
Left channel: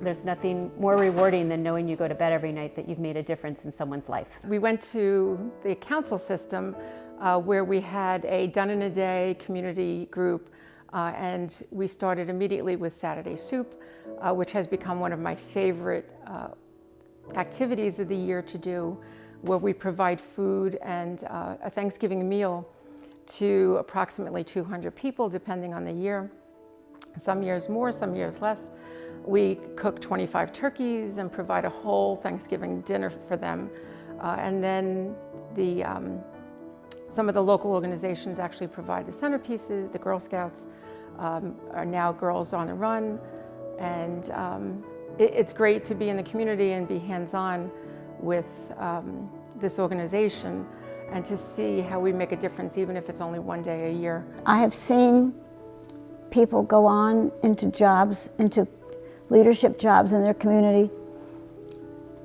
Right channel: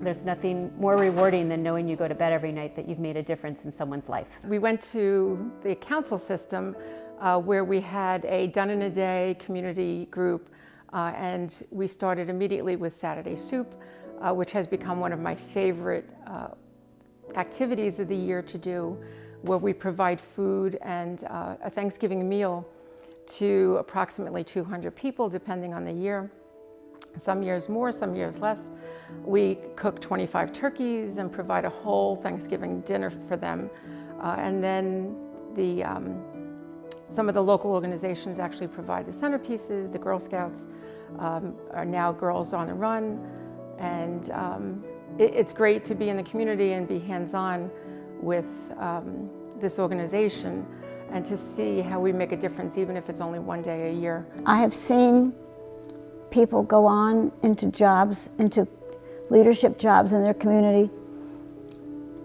There's nothing more rewarding than knowing you go to bed every night that you've made a difference in someone's life. We went to the council system where we had a done-in-a-day community group, and we started immediately with Saturday Soup, which has become one of my favorite activities of the year to do, where we provide food and a Thanksgiving meal to approximately 200 people, depending on the year. Some years more, some years less. We cook 25 turkeys and provide a whole Thanksgiving dinner for them. And then some of the local organizations actually provide the centerpieces. The Girl Scouts are now Girls on the Run. And it's great to be in the community and be hands-on with this organization and to see how we make a difference, even if it's only one day a year. I have seen people go on into jobs, into leadership jobs in their community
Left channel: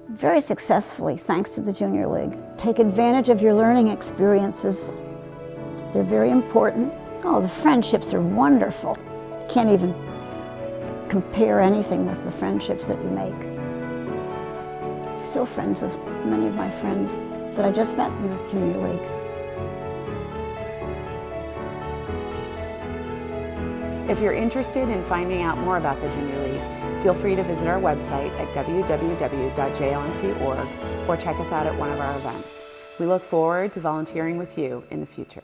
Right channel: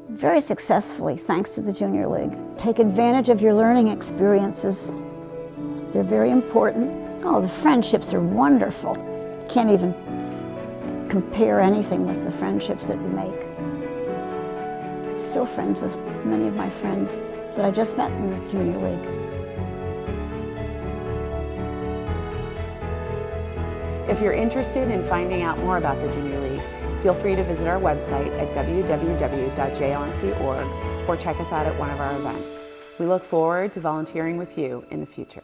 very successfully, thanks to the Junior League. Take advantage of your learning experiences. They're very important. Oh, the friendships are wonderful. Can't even compare anything with the friendships that you make. I'm still friends with many of my friends that I just met in the Junior League. If you're interested in finding out more about the Junior League, feel free to visit our website at www.jlmc.org or check us out at one of our events. We look forward to volunteering with you in the future.